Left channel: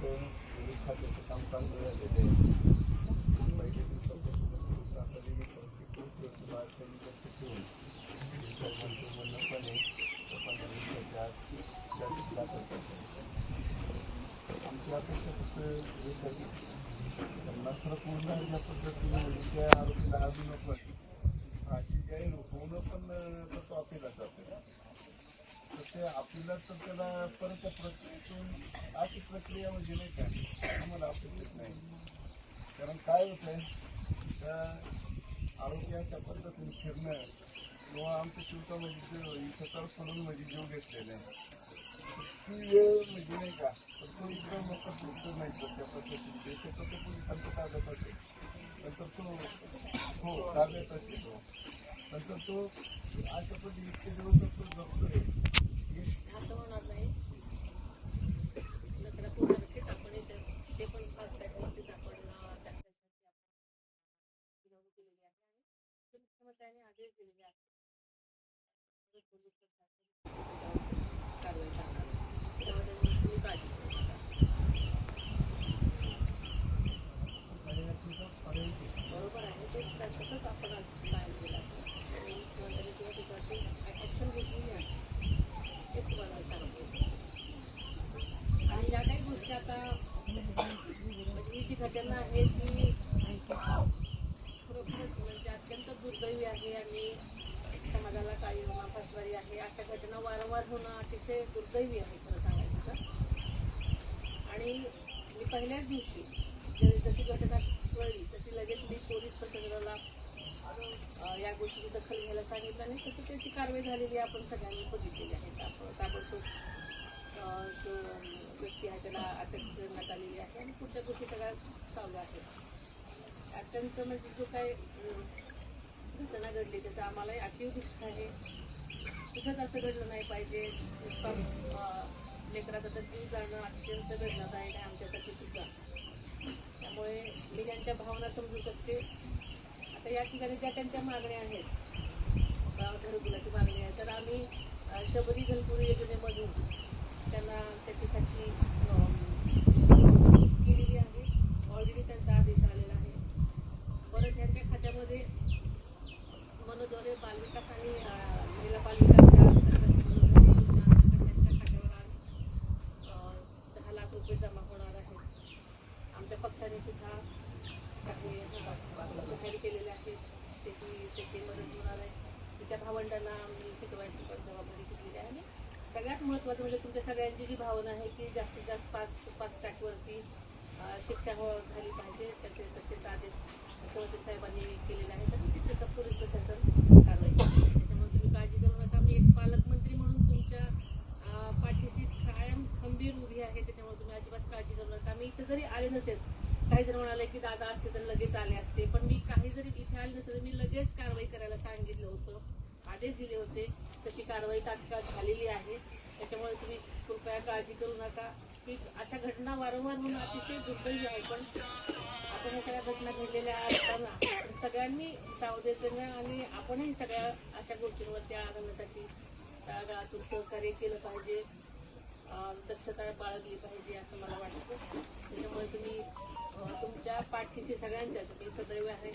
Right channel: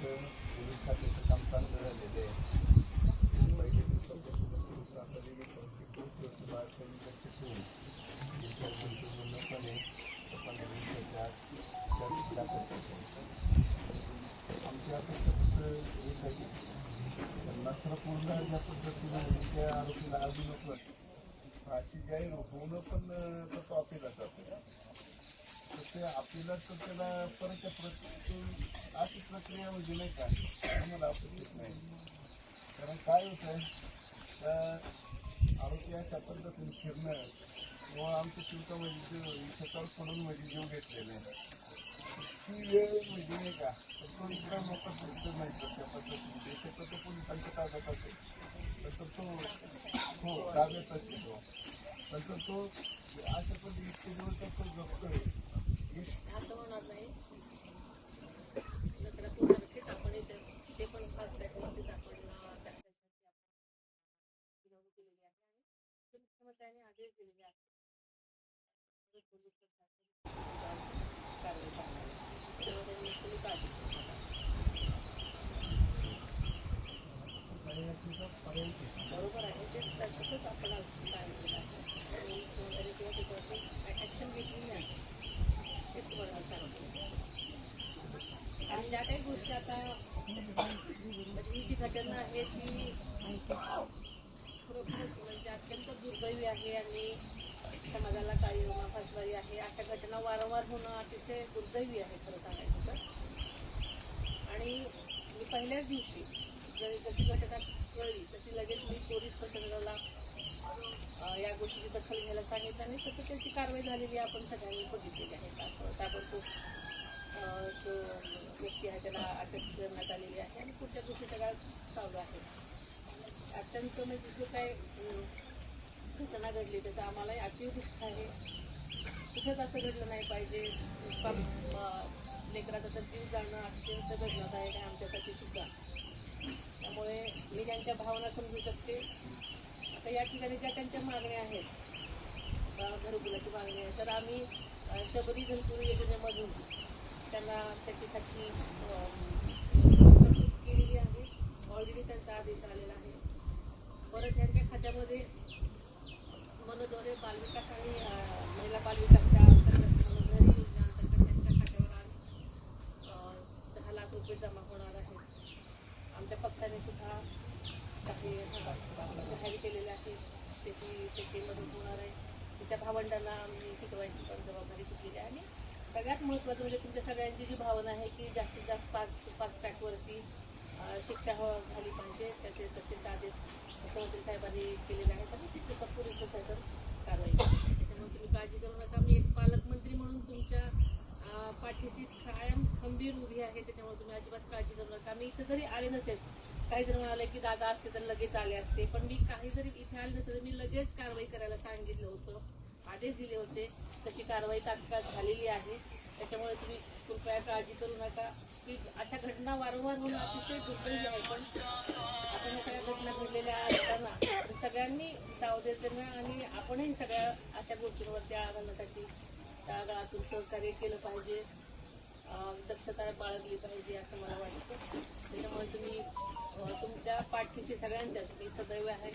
Police खात्याचं काम चांगलं झालेलं आहे. पहिल्या दिवसापासून आता वेगळी परिस्थिती होती त्यांनी लक्ष ठेवून पूर्णपणे 15 दिवसाच्या आमची अपेक्षा फक्त एक आहे नसर पूर्ण ह्या पद्धतीने त्या आरोपीला अजूनच फाशी जाहीर होणं पण तसं अपीला जातं तर ते अपीलात तर त्याला परत त्या प्रक्रियेतून अशी प्रक्रिया म्हणजे नाही का आम्हाला अपेक्षित नाही. कारण काय होत आहे तर आरोपी अशा पद्धतीने फिरणं किंवा आमच्या चिंतामध्ये सतर्कपणून म्हणजे जीव घेतलेले ती वेळ म्हणजे नाही का तर तो इतर लोक दिसत नाही तर त्या पद्धतीने शक्यतो तो पोलिसांच्या ताब्यात असेल नंतर तो हो ताब्यात असेल तो नंतर तो अशा पद्धती इतके दिवस तो जगतोय असं होणार नाही. दसरा पूर्ण नक्कीच आपण ते पण फास्ट ट्रॅकवरतीच आपण निवडणूक केलेली आहे आणि मुख्यमंत्र्यांनी आदेश दिलेले आहेत कारवाई करणार त्यामुळे त्यांनी तुम्ही काळजी करू नका. बरोबर आहे तेच तसंच आपण सांगितलेलं आहे आणि मुख्यमंत्र्यांनी किंवा त्याच्यावरती ॲक्शन घेतली नाही तेच तुम्हाला सांगितलं. आणि ज्या काही गोष्टी आता म्हणजे ही जी घटना आहे ती खरोखरच म्हणजे अत्यंत दुर्दैवी आहे आणि समाजाला काळीमा फासणारी आहे. अशा घटना वारंवार होणं अतिशय दुर्दैवी आहे खरं सांगायचं तर. आणि मी पहिल्याच दिवशी जशी घटना कळली तशी लगेच मी पोलीस प्रशासनाला या गोष्टीची दखल घ्यायला सांगितलं आणि तसं त्याची कारवाई झालेली आपण सगळ्यांनी बघितलेली आहे. ताबडतोब जो व्यक्ती आहे त्याला अटक करण्यात आलेली आहे आणि पुढच्या गोष्टी सगळ्या चालू आहे. अत्यंत म्हणजे जो काय घटना घडली त्याचा आम्हालाही अतीव दुःख आहे. कुठंच असं घडलं नाही पाहिजे. लेकराचा तर जीव जाणं अत्यंत वेदनादायक आहे आमच्यासाठी सुद्धा. त्यामुळे मी त्यांच्या भावना समजू शकते. आता या ठिकाणी ज्या त्यांच्या मागण्या आहेत घरकुलाची मागणी आहे तर आम्ही शबरी घरकुल योजनेमधून त्यांना त्याच्यासाठी केलेली आहे. ऑलरेडी त्यांचा आदेश आलेला आहे. परत त्यांच्या खात्यामध्ये मनोद्वारे बालविकास आणि महिला बालविकासच्या अंतर्गत मनोद्वारे योजना अंतर्गत त्यांच्या खात्यावर आज 10 लाख रुपये जमा होणार आहेत. आमच्या पक्षाने सुद्धा काही जाहीर केलेले आहेत. त्याची मदत होणार आहे. तिच्या भावंडांना शिकवायची पण जबाबदारी घेतलेली आहे. आणि सगळ्यात महत्त्वाचं म्हणजे तुमच्या सगळ्यांची जी भावना आहे की जास्तीत जास्त फास्ट ट्रॅकवरती शिक्षा झाली पाहिजे त्याचे तसेच आदेश मुख्यमंत्री साहेबांनी केलेले आहेत आणि तिथेचं पोलीस प्रशासन कारवाई करते. त्याच्यामुळे तुम्ही काळजी करू नका. मी एक पालकमंत्री म्हणून तुमच्या पाठीशी कायम खंबीर उभी आहे. त्याच्यामुळे तुम्ही अजिबात काळजी करू नका. मी इथं जरी आले नसेल काही जण म्हणाले की दादा असते तर लगेच आले असते पण मी काही जरी इथे आले नसेल तर मी लगेच कारवाई करायला सांगितलं होतं आदेश दिले होते. तशी कारवाई तात्काळ झालेली आहे. त्याच्यामुळे तुम्ही कृपया काळजी करू नका की अशा घटना वारंवार होणं अतिशय दुर्दैवी आहे. पण आपण ह्या सगळ्या घटना घडलेल्या असताना सगळ्यांनी सावधगिरी देणं आणि आपणही सगळ्या अशा गोष्टींवरती आळा घालण्यासाठी तळागाळातून सहकार्य केलं पाहिजे. दक्षता बाळगली पाहिजे असं मला वाटतं. त्याच्यामुळे तुम्ही तुमच्या पाठीशी सगळ्यांच्याच मी सदैव आहे.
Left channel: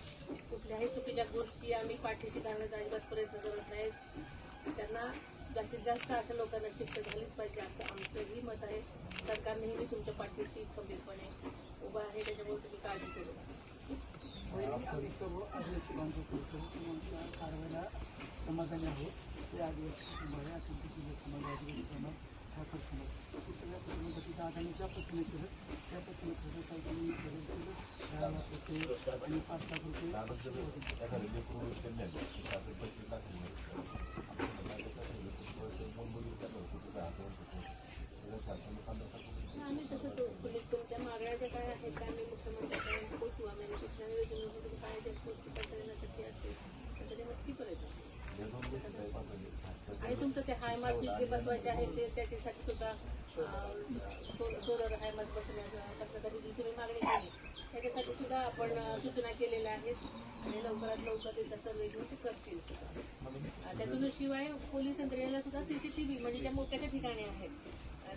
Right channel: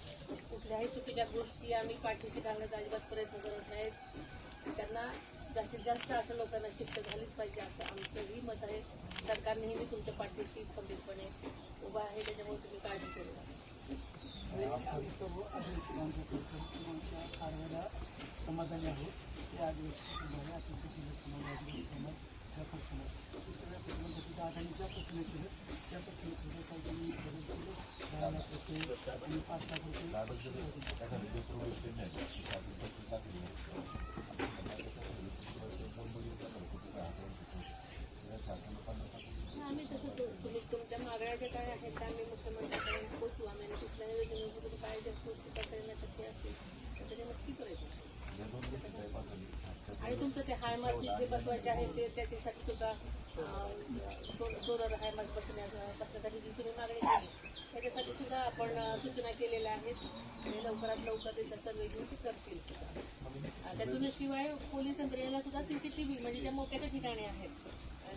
कुठल्याही चुकीच्या गोष्टी आम्ही पाठीशी घालण्याचा अजिबात प्रयत्न करत नाहीत. त्यांना जास्तीत जास्त अशा लोकांना शिक्षा झालीच पाहिजे असं आमचंही मत आहे. सरकार नेहमी तुमच्या पाठीशी खंबीरपणे उभा आहे. त्याच्यामुळे तुम्ही काळजी करू नका. आम्ही सर्व आदिवासी बांधव कारवाईला समाधानी आहोत. ते आदिवासी कुटुंब आहे अत्यंत समाज आदिवासी समाज ठाकर समाज हे सगळ्या कुटुंबासाठी दादांनी ज्या पद्धतीने केलं त्या पद्धतीने केलं साहेबांनी बदल केलं 10 लाख रुपये आणि 5 लाख रुपये आम्ही तसं तुम्ही तुमच्या मागण्या काय आहेत त्या आम्ही मुख्यमंत्र्यांपर्यंत पोहोचू. आम्ही कुठल्याही योजनेमधून काय ज्या गोष्टी करता येणं शक्य असतील त्यासाठी नक्की प्रयत्न. आणि तुमचं ते हायमास जिथे बसवायचे आहे ते त्याच्यासाठी सुद्धा सोलर हायमास बसण्यासाठी जी तुम्ही मागणी केली त्याच्यासाठी सुद्धा आपण सूचना केलेल्या आहेत आणि लवकरात लवकर त्याचा सर्वे घेऊन ते करतील सुद्धा. त्यातूनशिवाय पोलीस यंत्रणेला सुद्धा CCTV म्हणजे ज्या मोक्याच्या ठिकाणी आहेत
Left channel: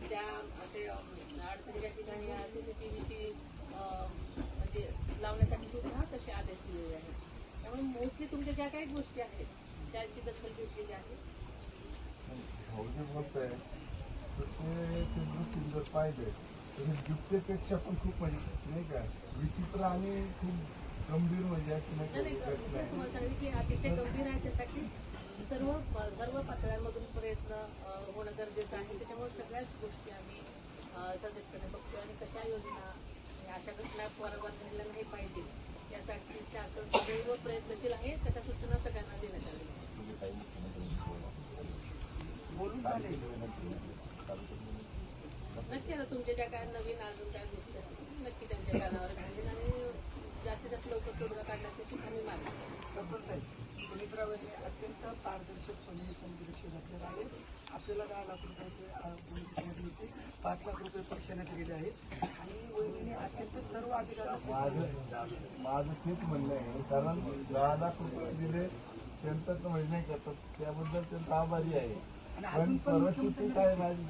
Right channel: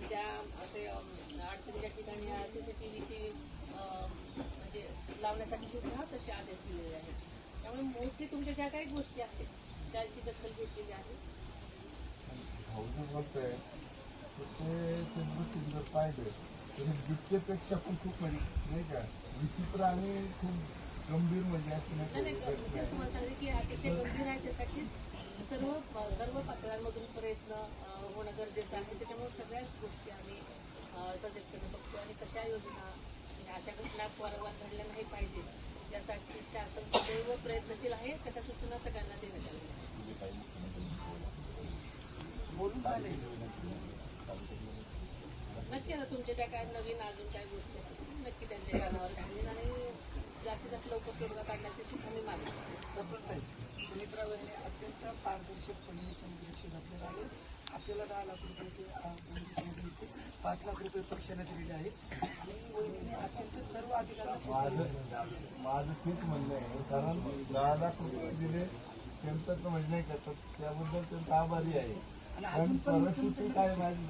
ज्या असे अडचणीच्या ठिकाणी सीसीटीव्हीची म्हणजे लावण्यासाठी सुद्धा तसे आदेश दिलेले आहेत. त्यामुळे मोस्टली तुमच्या ज्या काही गोष्टी आहेत त्याची दखल घेतलेली आहे. भाऊ जे बोलतोय तर ते दृष्टीने जर पाहिजे तर हे जितकेपेक्षा पण खूप म्हणजे नाही का विचित्र आणि खूप गंभीर म्हणजे अशी नाही नाही का घटना आहे. तुम्हाला सांगितलं की अतिशय गंभीर आहे. त्यासाठीच सर्व पातळ्यांमधून प्रयत्न होणं गरजेचं आहे. त्याच्यामुळे सगळ्याच गोष्टी आम्ही सजगपणे बघतो आणि कशा योजना अशा घटना वारंवार घडल्या नाही पाहिजे यासाठी शासन सदैव प्रयत्नशील आहे. त्याच्या सूचना सगळ्यांना देण्यात आलेल्या बोलून झाले नक्की. आता तुमच्या त्या काय नवीन अजून काही गोष्टी असतील नक्की त्यांच्या कानावर घालेल आणि जास्तीत जास्त लवकर तोडगा काढण्याची सुद्धा मी मागणी करेन. सरपंच साहेब सुमित्रा वहिनी अत्यंत पारदर्शकपणे त्यांची लक्ष घातलेलं आहे. आपल्याला 10 लाख रुपये 5 लाख रुपये पक्षाने दिलेले आहेत आणि वहिनीने अत्यंत सर्व अधिकाऱ्यांना माझं तेच म्हणणं आहे कारण 10 लाख रुपये दिले सेंटर म्हणजे नाही का त्याबद्दल त्यांचा आभारी आहे. पण परिस्थिती काय माहिती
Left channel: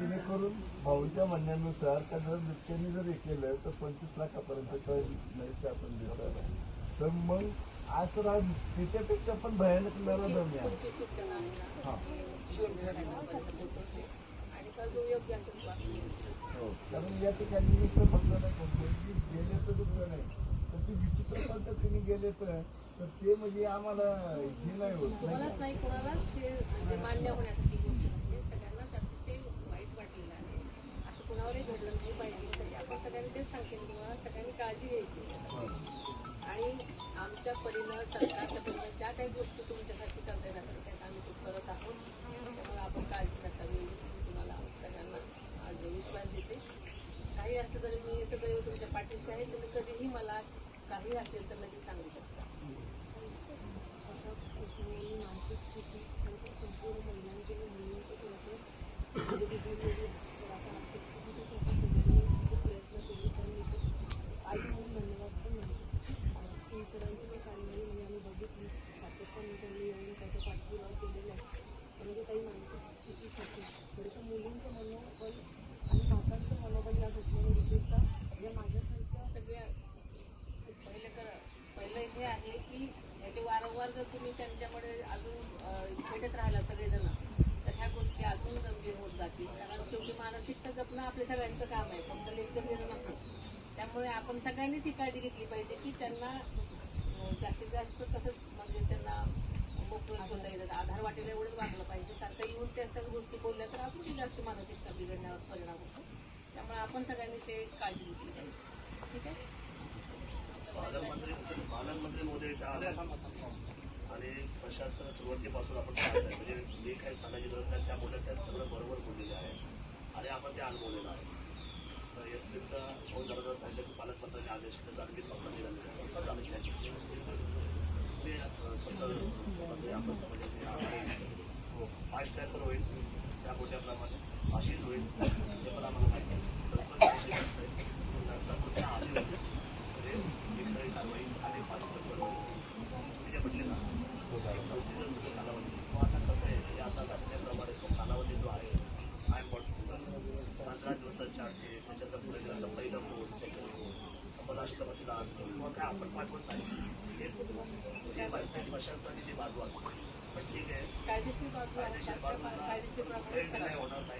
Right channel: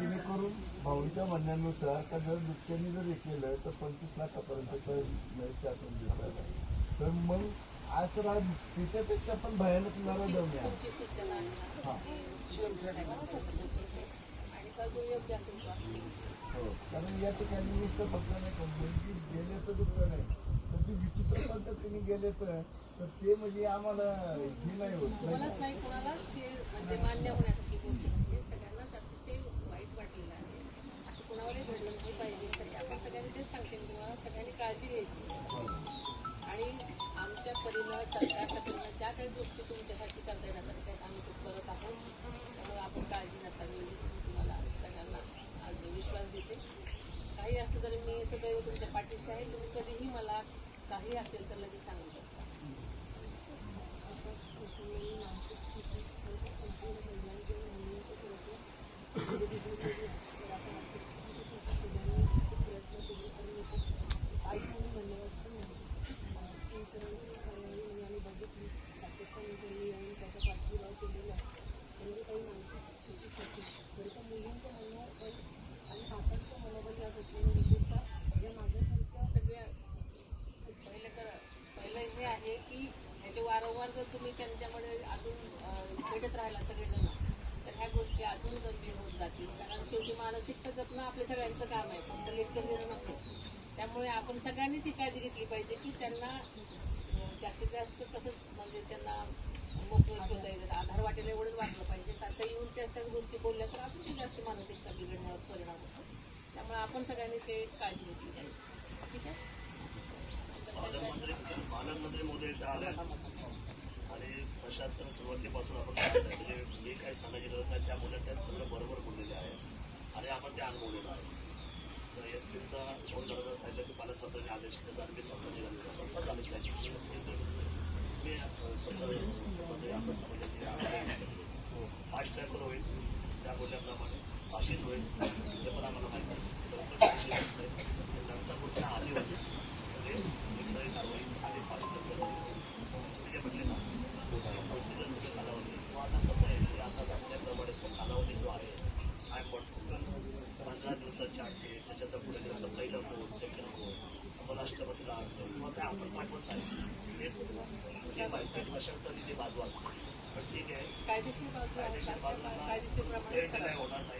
जेणेकरून भाऊच्या म्हणण्यानुसार का जर दुसऱ्यांनी जर हे केलं तर 25 लाखापर्यंत शासन देतात. तर मग आज तर आज त्याच्यापेक्षा पण भयानक नरदम आहे. तुमची सूचना आणि कल योग्य असेल तर हो कारण या ठिकाणी नुसतं फक्त नाही करतो की गेले तर दुसरं नाही तर ती विचित्र पद्धतीने गेले तर ते म्हणजे आम्हाला हे नाही होत तुम्हालाच नाही कोणालाच म्हणजे मान्य होण्यासाठी गोष्ट म्हणजे सगळ्यांनाच अतिशय वाईट वाटलेलं आहे. असं कुणावरही घडलं नाही पाहिजे तरी आपण सगळ्यांनी तेच सांगते तुम्हाला सगळ्यांनी काळजी घ्यायची आणि आमच्या परीनं सरकारच्या परीनं ज्या काही गोष्टी तुमच्यासाठी करता येण्यासाठी आहेत आम्ही ते करत आहोत. त्यामुळे आपण काळजी नसावी मी तुम्हाला सगळ्यांना आज विश्वास देते. काही असलं तरी मी सदैव तुमच्या पाठीशी आहे. तुम्ही कधीही मला काही असेल तर लगेच सांगू शकता. पहिलं हे आहे की ह्याचे वारंवार जर तुम्ही त्यांच्याकडे अजून भेटत राहिला सगळेजण तर ह्या गोष्टी अजून गंभीर होत जातील. कारण शेवटी मानसिकता जपणं आपल्या सगळ्यांचं काम आहे फक्त लेक्चर देणं नको. त्यामुळे आपण सगळ्यांनीच ही काळजी घेतली पाहिजे की त्यांना जास्तीत जास्त कसंच म्हणजे त्यांना मोकळं ठेवता येईल आधार वाटेल एवढंच वागलं पाहिजे. सारखं येऊन त्याच गोष्टी बोलल्या तर आपण जास्त मानसिकता बिघडण्यावर परिणाम होतो. त्यामुळे आपण सगळ्यांनी ते काळजी घेतली पाहिजे. ठीक आहे. पालकमंत्री महोदय इथं आले आणि प्रशासन सुरुवातीपासून आपण म्हणजे जे काही सांगितलं होतं त्या बोलत त्या सगळं बरोबर बोललेले आहे आणि आपण ते अनुभवलेलं आहे. तर एस पीचा फोन करायला सांगितलं की पालकमंत्र्यांनी आदेश केला आणि मी स्वतः निघाले स्वतः झाले त्याची मी स्वतः म्हणजे आपण समजले की 5 टाइम तर होईल त्या बोलल्याप्रमाणे भाषित होईल हे पण आम्हाला माहीत आहे. नरसापूरच्या आधी होते एकसाई कारवाई आणि पालिका म्हटले ना कालावधी आता कसं आहे की आता दाखवल्याप्रमाणे तो कालावधी जो आहे हायकोर्ट 15 दिवसाच्या आधी त्याच्यात पुढे गेलं तर पहिलं कोर्ट सेकंड कोर्ट मग राष्ट्रपतीला मग काय आपण पाठवत नाही हे माहिती प्रशासनाची जी बाजू असते पण ठीक आहे कायदेशीर बाजू कायदेशीर बाजूला कायदेशीर प्रमाणे काय होणार नाही.